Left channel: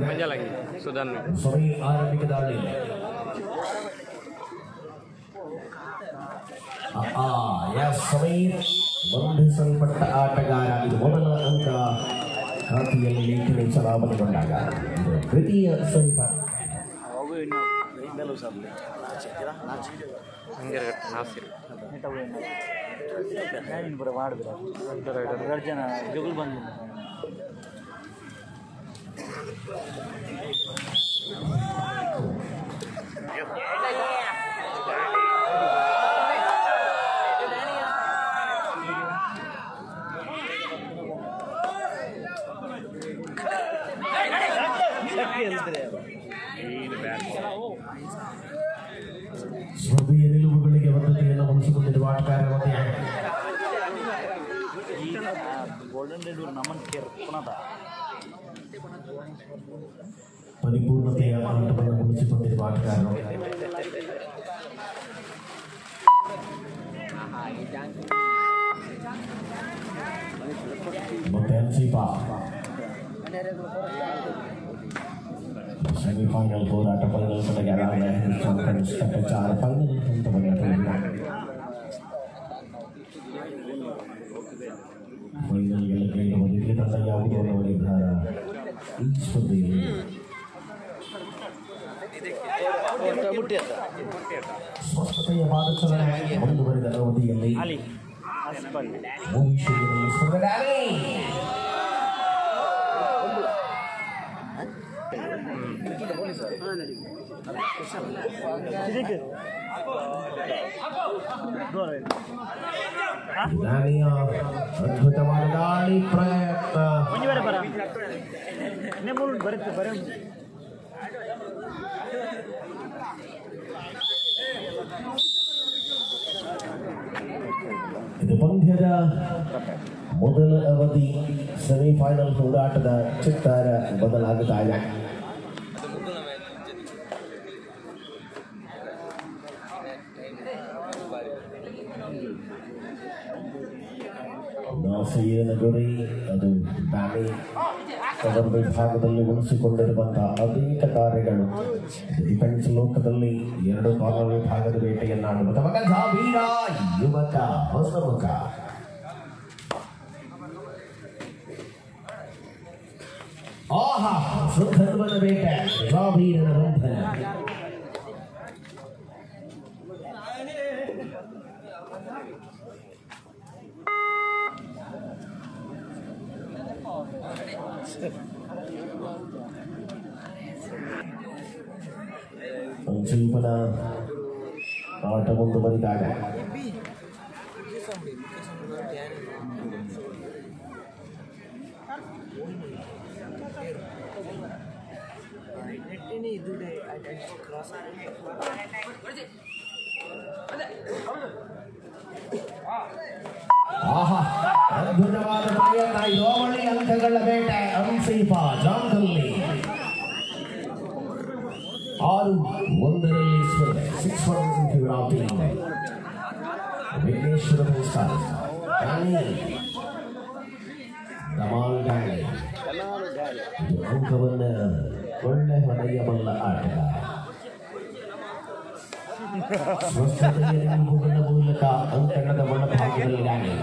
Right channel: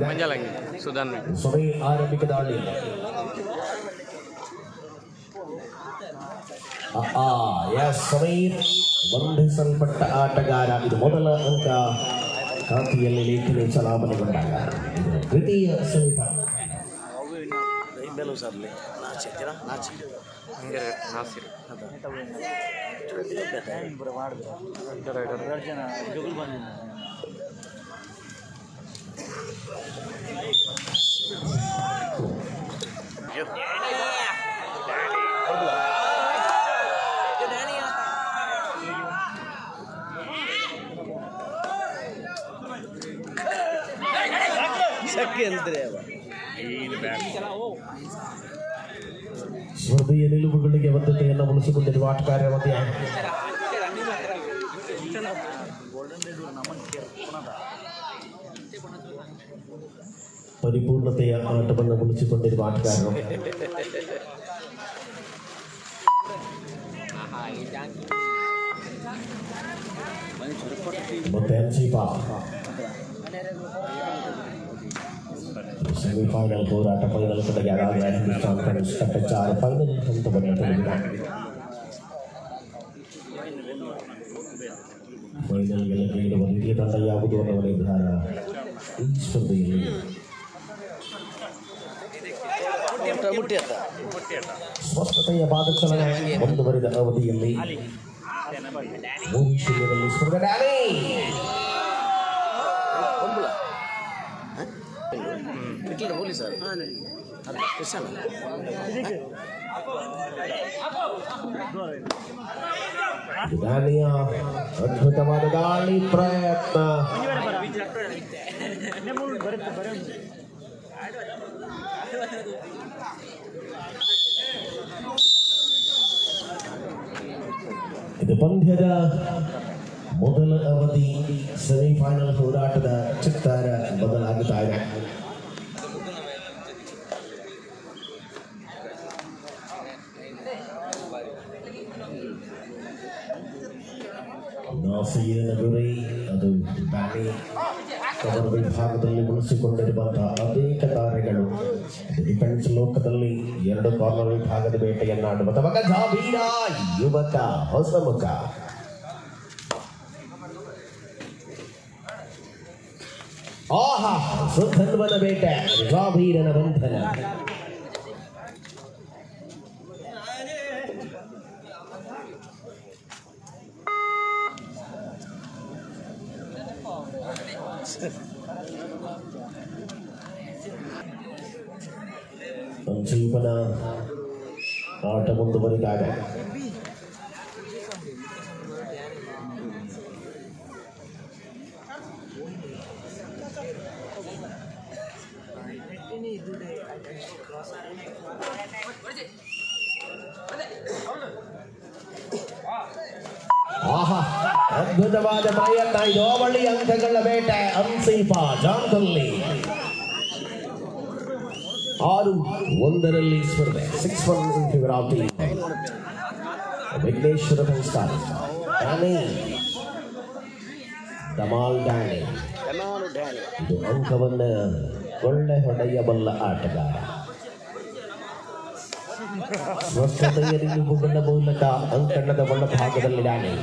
Manja lagi, Sudan. Sorry, Arabic ದಾಳಿ. Yes, sorry. ಬಂಧಿಸಲ್ಪಟ್ಟ ಆಟಗಾರ ಇದು ಮೊದಲ ಅಂಕ ಖಾತೆಯಲ್ಲಿ ಲೇಖನಿ ಚಲಾವಣೆಗೊಂಡಾಗ ದ್ವಿತೀಯ ಸಮೀಪ ನಾಸಿರ್ ಹೃದಯ ನಿಲುವುಗಳಿಗೆ ಬದ್ಧತೆಯನ್ನು ಉಳಿಸಿಕೊಂಡಿರುವ ಆಟಗಾರ ಪರಿಪೂರ್ಣತೆಯ ಆಟವನ್ನು ಉಳಿಸಿಕೊಂಡಿರುವ ಆಟಗಾರ ಮತ್ತೆ ಅಂಚಿಪಾ semifinal ಹೋರಾಟ ಬದಲಾವಣೆಗೆ ಕನಿಷ್ಠ ಫೈನಲ್ ಹಂತವನ್ನು ತಲುಪಿದೆ. ಫೈನಲ್ ಗೆಲ್ಲುವ ವಿಧಾನ ಯಾವುದು ಅನ್ನುವ ನಿರ್ಧಾರ ಈ ಸ್ಪರ್ಧೆಯಲ್ಲಿ ಸ್ವಸ್ಥತೆಯ ಭಾಗಚಲನೆ ಮುಂದುವರಿದ ಅವಧಿಯಲ್ಲಿ ಅದ್ಭುತವಾದ ದಾಳಿ ಪ್ರಯತ್ನ ಇದು ಪಂದ್ಯದ ಮೊದಲ ಅವಧಿ ಸೆಮಿಫೈನಲ್ ಹೋರಾಟದ ಚಿತ್ತಾರ ಬದಲಾಗುತ್ತಾ ಇದೆ. ನಾಸಿರಿನ ಗುರಿ ಅದು ಬ್ಯಾಟಿ ಕವರ್ ವಿಭಾಗದಲ್ಲಿ ಉಳಿಸಿಕೊಂಡಿರುವಂತಹ ಅನೇಕ ತಾರೆಗಳು ಡಿಫೆನ್ಸ್ ಲೋಕದಲ್ಲಿ ಎರಡು ಕವರ್ ವಿಭಾಗದ ಬೇಟೆಯನ್ನಾಡುವ ಯುವಕ ಹೊಸ ಮುಖ ಆಹಾ ಸುಧನ್ವನ ಬೇಟೆ ಜಾಬೀರನ ಬಂಧನ ಜೀವನ ಆಟ ಮುಂದುವರಿದಾಗ ಅದ್ಭುತವಾದ ಪ್ರಯತ್ನ ಯೋವಳಿ ಅಂಕಗಳ ಬೇಟೆ ಅನ್ಸೀಫಾ ಜಾನ್ಕಲ್ಲಿ 6-1 ಸ್ಪರ್ಧೆ 6-1 in favor of team Vighneshwara ಪುರಸ್ಕಾರ ಧಮಾಲ್ ಡ್ಯಾನಿ ಇದು ಅಂಕವನ್ನು ಒಳ್ಳೆ ಹೊಡೆಯಬಲ್ಲ ಆಟಗಾರ ಸ್ವಚ್ಛತೆಯಲ್ಲಿ ಮುಗುಗಳ ಮೂಲಕ ಅಂಕಣದ ಒಳಭಾಗದಲ್ಲಿ ಡ್ಯಾನಿ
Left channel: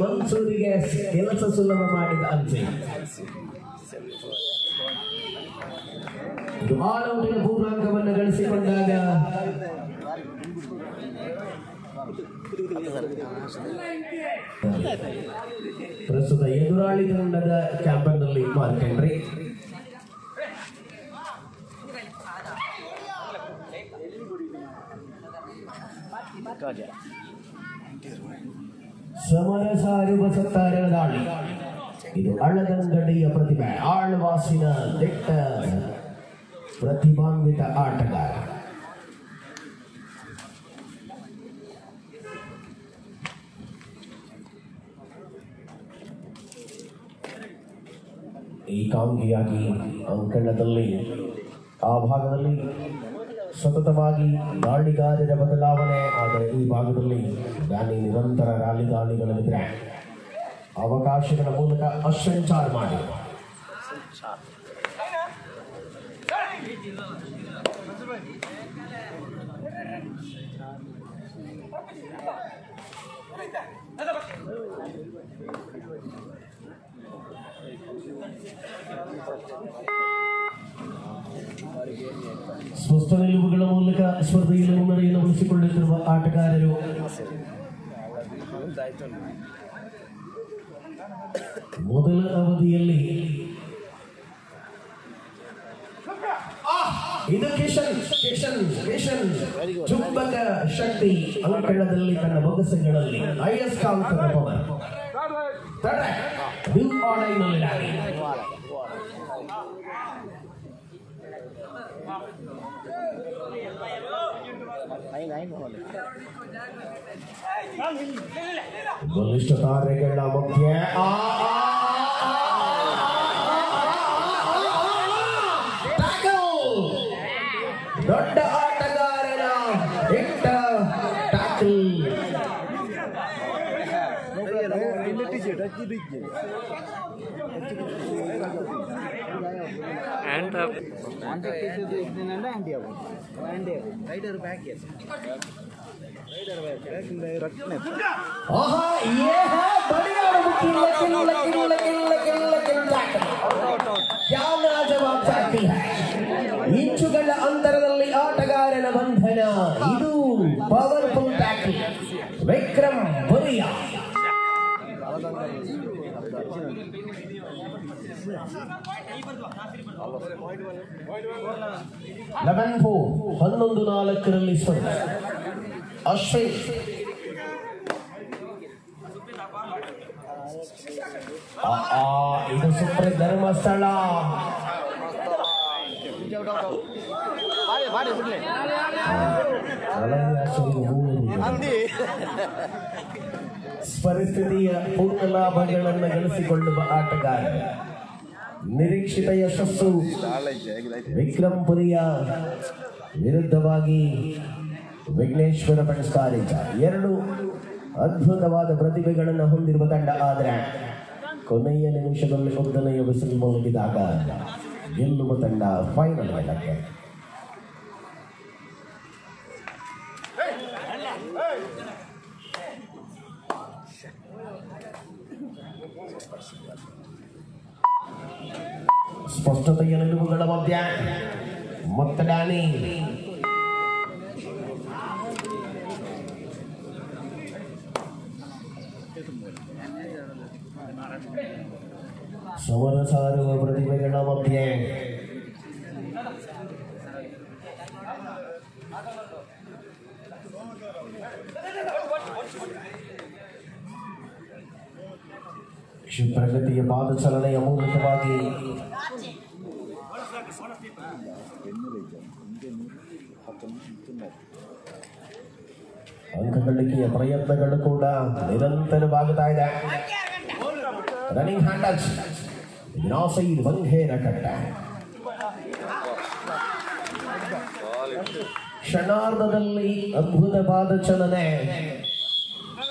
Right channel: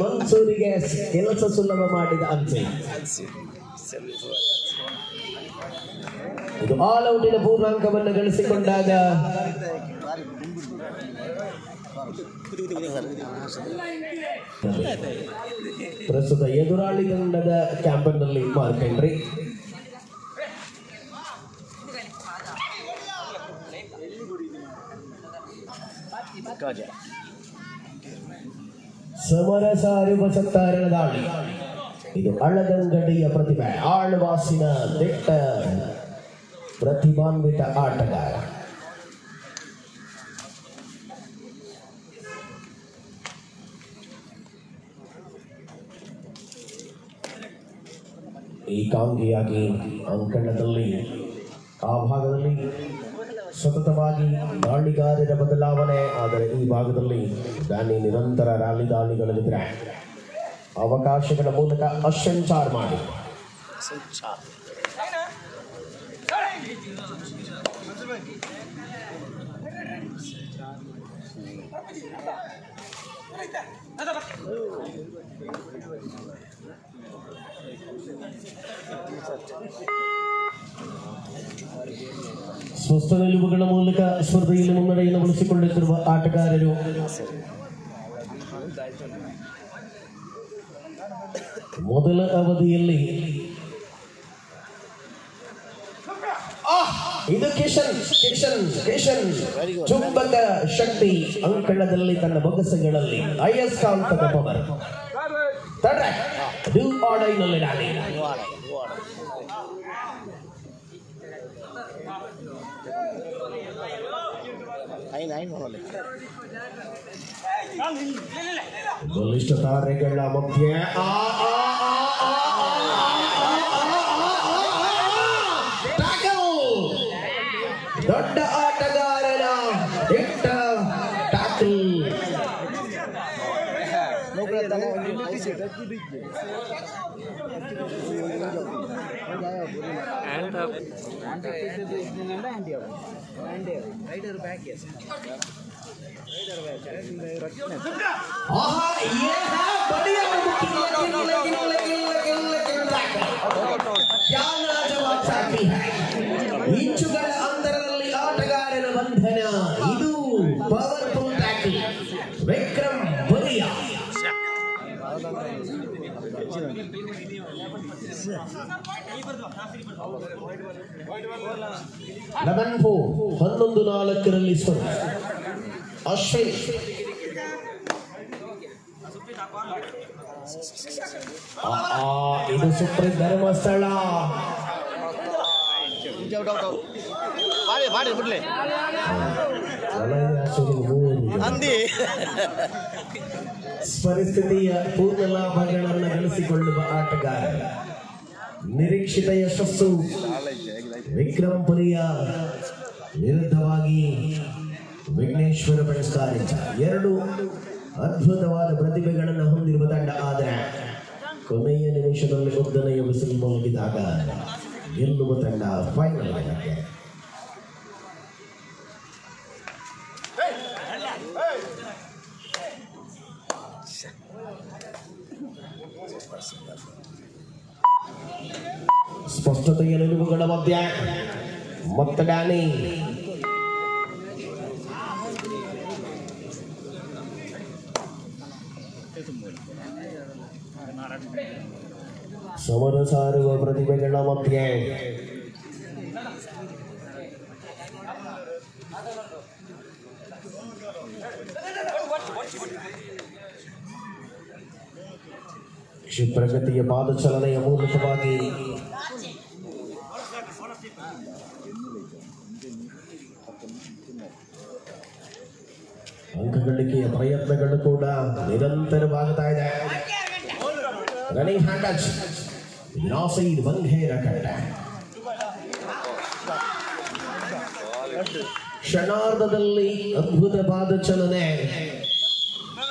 ಮನ್ಸೂರಿಗೆ ಕೆಲಸ ಸುಲಭ ಮಾಡಿದ ಅನ್ಸಿ ಇದು ಆಲ್ ಔಟಿನ ಪೂರ್ಣಾಂಕವನ್ನು ಗಳಿಸಿಕೊಂಡಾಗ ಪ್ರಸ್ತುತ ಎದುರಾಳಿ ತಂಡದ ಕ್ಯಾಂಪನ್ನಲ್ಲಿ ಮಾರ್ಕ್ ಹೆನ್ರಿ ಸಮರಸ ಅರಿವಸತ್ತಾರನ ದಾಳಿ ಇದು ಅಳದಂಗಡಿಯ ಪ್ರತಿಭೆ ಆಳ್ವಾಸಿನ ದಿಟ್ಟ ಪ್ರತಿಭಾನ್ವಿತ ಆಟಗಾರ ಏಕಾಂಗಿಯಾಗಿ ಅಂಕಣದಲ್ಲಿ ಆ ಭಾಗದಲ್ಲಿ ಸತತವಾಗಿ ದಾಳಿಗಾರರ ಬದಲಾವಣೆ. ಆದರೆ ಈ ಭಾಗದಲ್ಲಿ ದಾಳಿ ನಿರಂತರ ರ್ಯಾಲಿ ದಾಳಿಗಳಿದ್ರೆ ಅವಕಾಶಗಳ ಮೂಲಕ ಅಸಂಚಾರ ಮಾಡಿ ಸ್ಪಷ್ಟ ನಿಲುವುಗಳ ಮೂಲಕ ಸ್ಪರ್ಧೆಯಲ್ಲಿ ಮುನ್ನಡೆಯನ್ನು ಉಳಿಸಿಕೊಳ್ಳುತ್ತಿರುವ ಆಟಗಾರರು ಮೊದಲ ಅವಧಿಯಲ್ಲಿ ಇದು ಕಿಶನ್ ಚುಂಬಕ ಶಕ್ತಿ ಅಂಕಣದಲ್ಲಿ ತನ್ನ ಬೊಗಸೆಗಳಲ್ಲಿ ಅಯಸ್ಕಾಂತದ ಪವರ್ ತಡೆ ಬಲಿಷ್ಠ ತಾರೆಗಳ ಮಧ್ಯೆ ದೊಡ್ಡ ಆಟಗಾರನ ದಿಟ್ಟ ಟ್ಯಾಕಲ್. ಇಂಚುಗಳ ಅಂತರದಲ್ಲಿ ಆಟಗಾರನ ಬಂಧನ. ಇದು ಪವರ್ಫುಲ್ ಟ್ಯಾಕಲ್. ವಿಕ್ರಮ್ ಬಲಿಯಾ ಲಗನ್ಪು 11-4 ಸ್ಪರ್ಧೆ. ಅಶ್ವಿನ್ ಇದು ಸುಪ್ರೀಂ ಧರ್ಮಸ್ಥಳ. ಪರಿಸ್ಥಿತಿಯ ಪೂರ್ಣ ಲಾಭಗಳನ್ನು ಗಳಿಸಿಕೊಳ್ಳುವ ಆಟಗಾರ. ನಿರೀಕ್ಷಿತ ಯಶಸ್ಸು ವಿಕ್ರಮ್ ಪುರಿಯ ವಿರುದ್ಧವಾಗಿ ವಿಘ್ನೇಶ್ವರ ಪಡಿಸ್ತಾರೆ. 2 ಅದ್ಭುತವಾದ ಪ್ರತಿಭೆಗಳನ್ನು ಹೊಂದಿರುವ ತಂಡ. ಆದರೆ ಕೊನೆಯ ನಿಮಿಷದಲ್ಲಿ ಉದ್ದನೆಯ ಬಿಸಿಲು ಮುಗಿದಾಗ ಗೆಲ್ಲುವ ತಂಡ ಫೈನಲ್ ಗೆಲ್ಲಕ್ಕೆ. ಸ್ಪಷ್ಟತೆಯ ನಿಲುವುಗಳ ಮಧ್ಯೆ ಮೊತ್ತಡಾನಿ ಸಮರ ಸಾರುವ ಪ್ರತಿಭೆಗಳ ಮಧ್ಯೆ ಕ್ಷಿಪ್ರಗತಿಯ ಪಾದಚಲನೆಯ ಮೂಲಕವಾಗಿ ಅಂಕ ಗಳಿಕೆಯ ಪ್ರಯತ್ನಗಳು ಕೂಡ ನಿರಂತರವಾಗುತ್ತಾ ಇದೆ. ರನ್ನಿಂಗ್ ಹ್ಯಾಂಡ್ ಟಚ್ ನಾಸೈಡ್ ಬಂಘೇರ ಕಟ್ಟ. ಕ್ಷಣಾರ್ಧದಲ್ಲಿ ಅದ್ಭುತ ಪಾದಚಲನೆ.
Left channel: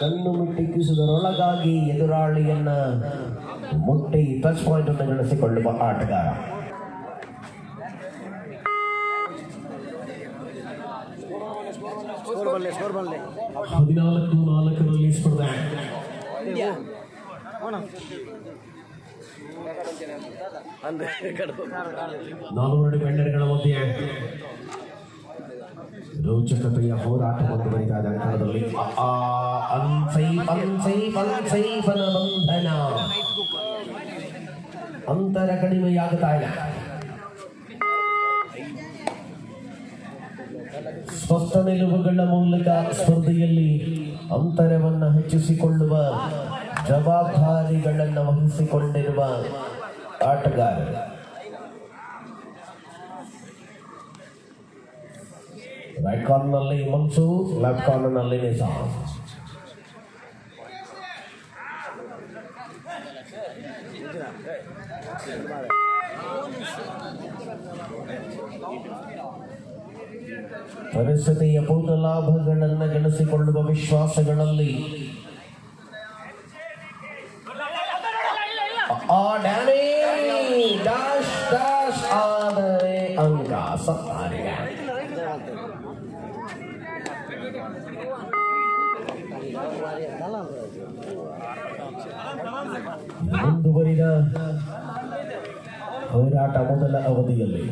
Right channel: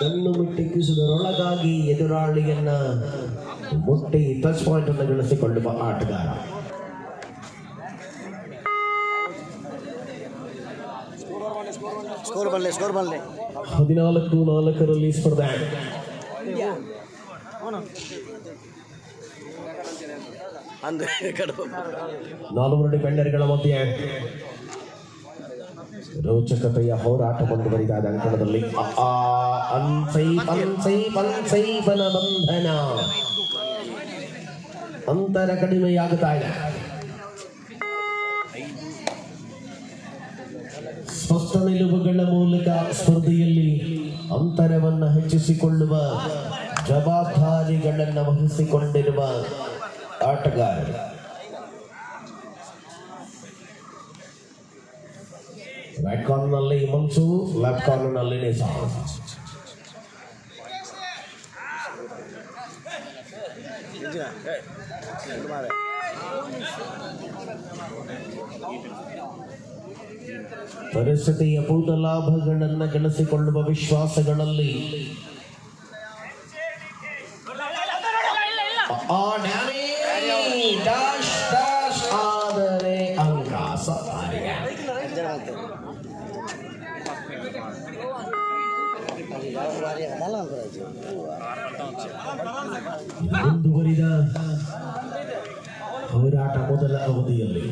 ಕಣ್ಣು ಮಿಟ್ಟಿಕ್ಕಿಸುವುದರೊಳಗಾಗಿ ಎದುರಾಳಿಯನ್ನ ಮುಟ್ಟಿ ಟಚ್ ಪಾಯಿಂಟ್ ಅನ್ನು ಗಳಿಸಿಕೊಳ್ಳುವ ಆಟಗಾರ. ಸ್ಕೋರ್ ಬಲ್ಲೆ 14-4 ಸ್ಪರ್ಧೆ. 4 ಡಿಫೆಂಡರ್ಗಳ ಮಧ್ಯೆ ರೋಚಕತೆಯ ಹೋರಾಟ ಮುಂದುವರಿದ ಅಂಕಣದಲ್ಲಿ ಬಂಧನ ಅಂತರ ಕಡಿಮೆಯಾಗುತ್ತಾ ಇದೆ. ಸ್ಪಷ್ಟ ನಿಲುವುಗಳ ಮೂಲಕ ಸ್ಪರ್ಧೆಯಲ್ಲಿ ಅಂತರವನ್ನು ಹೆಚ್ಚಿಸಿಕೊಳ್ಳುವ ಜವಾಬ್ದಾರಿಗಳನ್ನು ವಹಿಸಿಕೊಂಡಿರುವ ಆಟಗಾರ. ರೈಟ್ ಕಾರ್ನರ್ನಲ್ಲಿ ಮನ್ಸು, ಲೆಫ್ಟ್ ಕಾರ್ನರ್ನಲ್ಲಿ ನಿಸಾಮ್. ಪರಿಸ್ಥಿತಿಯ ಭೂತ ಲಾಭಗಳನ್ನು ಗಳಿಸಿಕೊಳ್ಳುವ ವಿಶ್ವಾಸಗಳಲ್ಲಿ ಅಂಕ ಸಫಾರಿಗೆ ಮುಂದುವರಿದ ಹೋರಾಟ ಮೊದಲ ಅವಧಿಯಲ್ಲಿ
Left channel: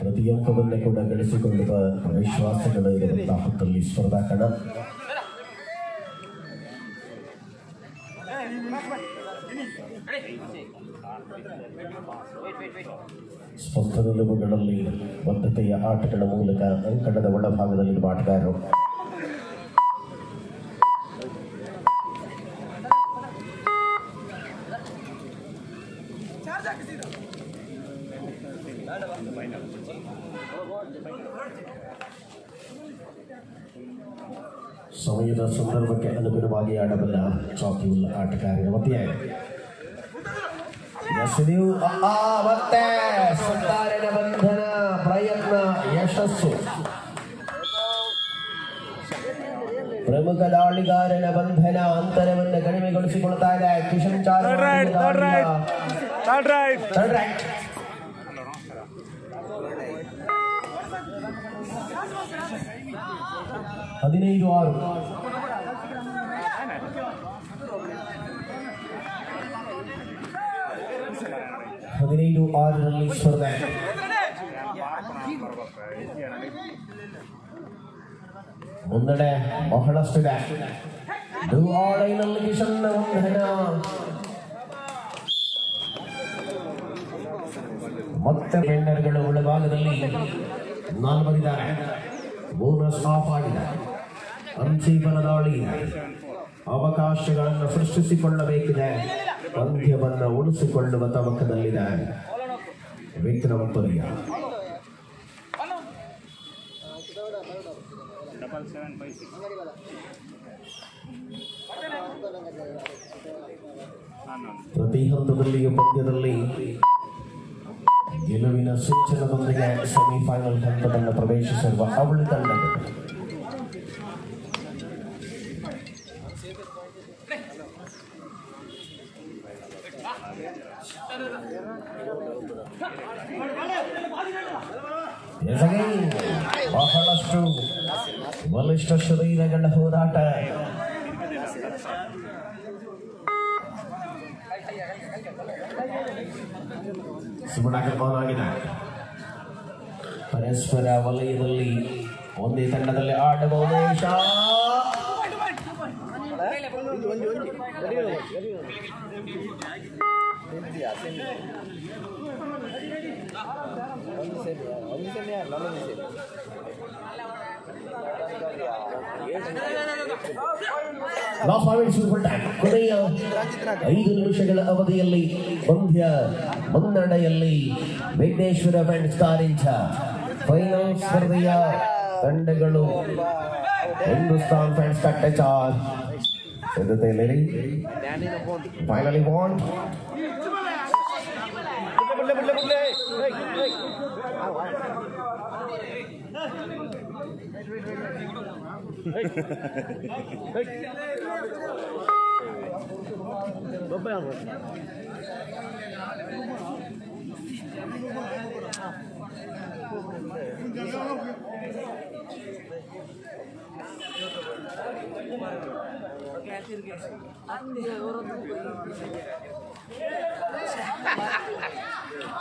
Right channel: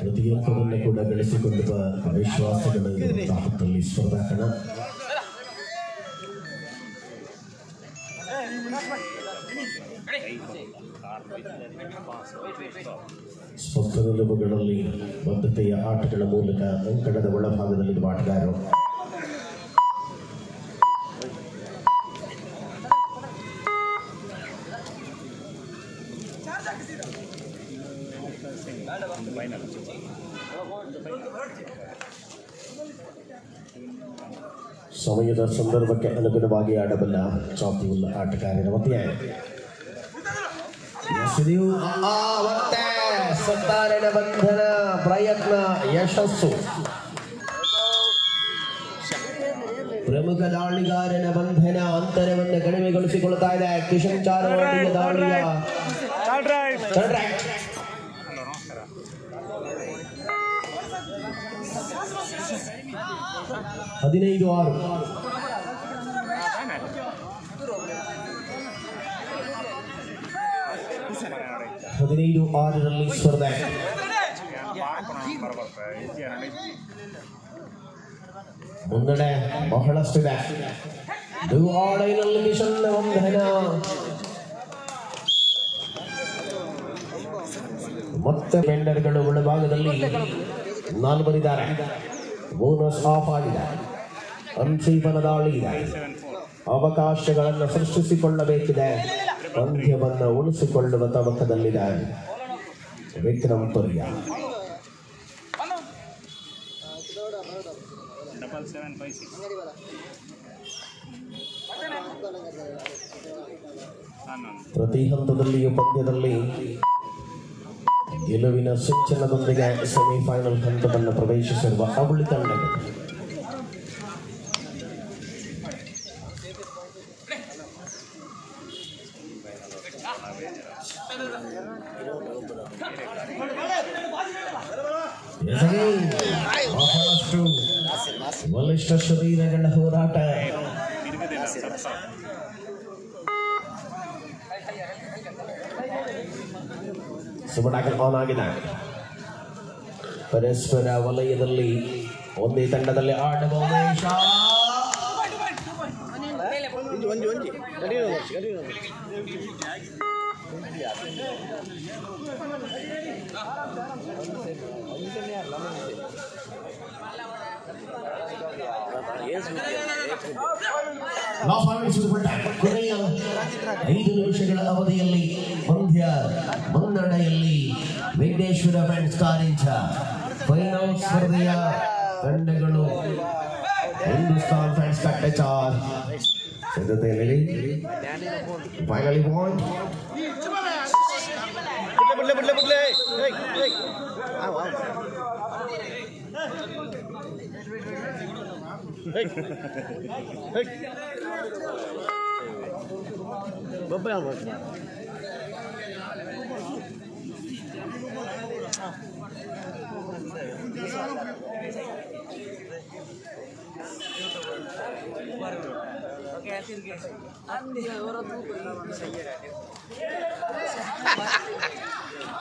ಪ್ರತಿ ಅಂಕವನ್ನು ಕೂಡ ಗಳಿಸಿಕೊಳ್ಳುವ ವಿಶ್ವಾಸಗಳು ಹೊತ್ತಲ್ಲಿ ಸ್ಪರ್ಧಾ ಕಣ ಸ್ಪಷ್ಟ ನಿಲುವುಗಳಲ್ಲಿ ಬದ್ಧತೆಯ ಆಟಗಳ ಮೂಲಕ ಅಂಕಣದ ಒಳಭಾಗದಲ್ಲಿ ಆಟಗಾರರು ಸಮಯದ ಸಂದರ್ಭಕ್ಕೆ ಅನುಗುಣವಾಗಿ ಆಡಬಲ್ಲ ಚಾಪುಲ್ ಆಟಗಾರರ ಮಧ್ಯೆ ಬಂಧನ ಪ್ರಯತ್ನ ಯಶಸ್ಸು ಪ್ರಮುಖ ದಾಳಿಗಾರನ ಬಂಧನ ಅಂತರವನ್ನು ಕಡಿಮೆಗೊಳಿಸಿಕೊಳ್ತಾ ಇದೆ. ಕಿಶನ್ ಚಾರ್ 15-6 15-6ರಲ್ಲಿ ಸ್ಪರ್ಧೆ. ಮುಂಗಡೆ ಬಹಳಷ್ಟಿದೆ. ಕಿಶನ್ ಮತ್ತೆ ಟೆಂಡರ್ಗಳು ಒಳಭಾಗದಲ್ಲಿ 4 ಬಂದಿದ್ದಾರೆ. ಬೋನಸ್ ಆಫ್ ಆಗಿದೆ. ಅಂತಿಮ ದಾಳಿ ಇದೆ. ಅವಕಾಶಗಳನ್ನು ಸೃಷ್ಟಿಸಿಕೊಳ್ಳಬೇಕಿದೆ. ಪಂದ್ಯವನ್ನು ಉಳಿಸಿಕೊಳ್ಳುವ ತವಕದಲ್ಲಿದೆ ವಿಕ್ರಮ್ ಪೊರಿಯ. ಪ್ರತಿ ಹಂತದಲ್ಲಿಯೂ ಪಂದ್ಯದಲ್ಲಿ ಗೆಲುವಿನ ಸೂಚನದೊಂದಿಗೆ ಸೆಮಿಫೈನಲ್ ಹಂತವನ್ನು ಪ್ರವೇಶಿಸಿರುವ ಅವಳಿ ತಂಡ ಬಹಳಷ್ಟು ಬಲಿಷ್ಠ ಶರೀರಗಳ ಹೋರಾಟ. ಸುಮಣಾಗಿದೆ. ಪರಸ್ಪರ ವಲಯದಲ್ಲಿ ಒಂದೇ ತಂಡದಲ್ಲಿ ಆಡುವ ಉದ್ದೇಶ. ಕೊನೆಯ 5 ನಿಮಿಷಗಳ ಅವಧಿಯಲ್ಲಿ ಪಂದ್ಯ ಮುನ್ನಡೆಯಲ್ಲಿ ವಿಘ್ನೇಶ್ವರ ಫ್ರೆಂಡ್ಸ್ ಕಾರಿಂಚ. ಫೈನಲ್ ಸ್ಪರ್ಧೆಯ ತಂಡಗಳು ಹಿಂದೂಸ್ತಾನ್ ಫ್ರೆಂಡ್ಸ್ ಕಟ್ಟೆಚಾರ್ ಸಿದ್ಧತೆಯಲ್ಲಿ ಫೈನಲಿ ಬಾಂಡ್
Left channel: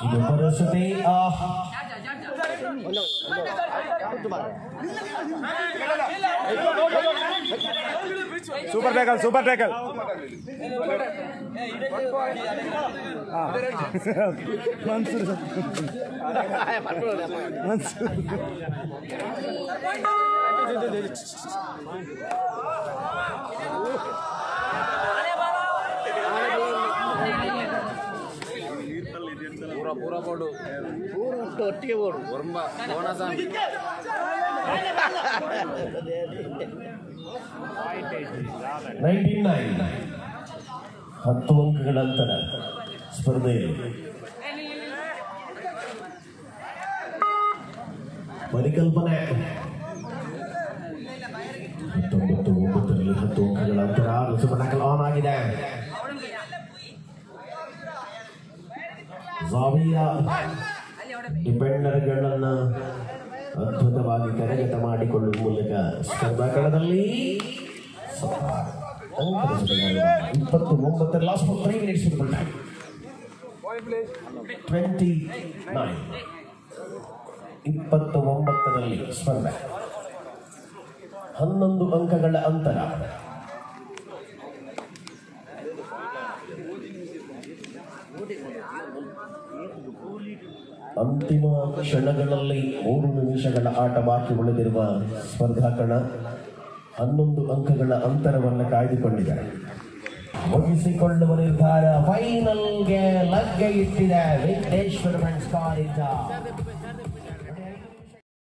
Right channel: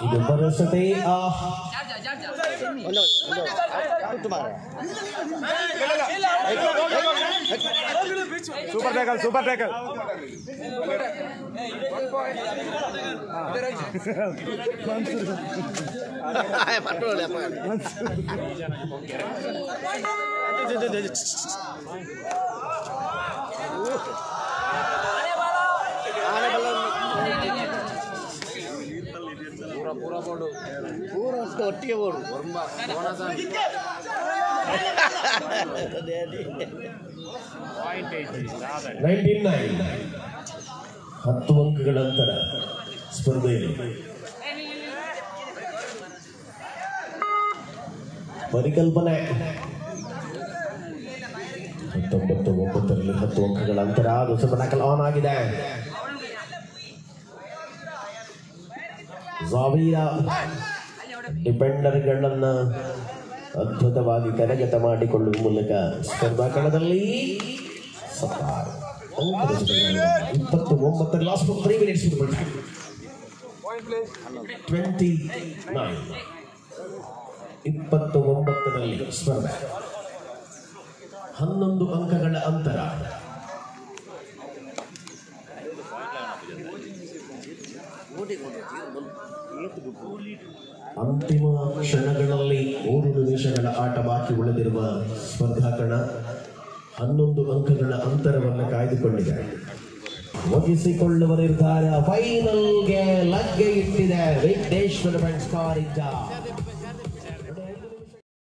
ಇದು ಪರಿಸ್ಥಿತಿ. Super tackle, super tackle. 1 point. पूरा बोर्ड पूरा ಒಟ್ಟಿಗೆ ಬೋರ್ಡ್ ಒರ್ಮ ಬೋನಸ್ 10 ಅಂಕಗಳ ಅಂತರ ಸ್ಪರ್ಧೆಯಲ್ಲಿ ಪರಿಕಲ್ಪನೆ 19-9 10 ಅಂಕಗಳ ಅಂತರ ನುಸುಬನಕಲ್ ಆನ್ ಆಗಿದೆ. ಜಾವಿಯಾ ಡಿಫೆಂಡರ್ಗಳನ್ನು ಅದ್ಭುತವಾಗಿ ಕರಗತ ಮಾಡಿಕೊಳ್ಳುವ ಮೂಲಕ ಸ್ಪರ್ಧಾ ಕಣದಲ್ಲಿ 29 ಲಾಸ್ಟ್ ಫಾರ್ 3 ಮಿನಿಟ್ಸ್ 29ರಲ್ಲಿ ಸ್ಪರ್ಧೆ 11 ಅಂಕಗಳ ಅಂತರ. ಅಂತಿಮ ಕ್ಷಣಗಳಲ್ಲಿ 3 ನಿಮಿಷಗಳ ಆಟ ಬಾಕಿ ಉಳಿದಿರುವ ಸ್ಪರ್ಧಾ ಕಣ 11 ಅಂಕಗಳ ಅಂತರವನ್ನು ಕಾಯ್ದುಕೊಂಡಿದೆ. ಮುಗಿಸಿಕೊಳ್ಳುವ ನಿರ್ಧಾರ ಫೈನಲ್ಗೆ ಲಗ್ಗೆ ಇಟ್ಟಿದೆ ವಿಘ್ನೇಶ್ವರ ಮೆನ್ಸ್ ಕಾರ್ ಇಂದ.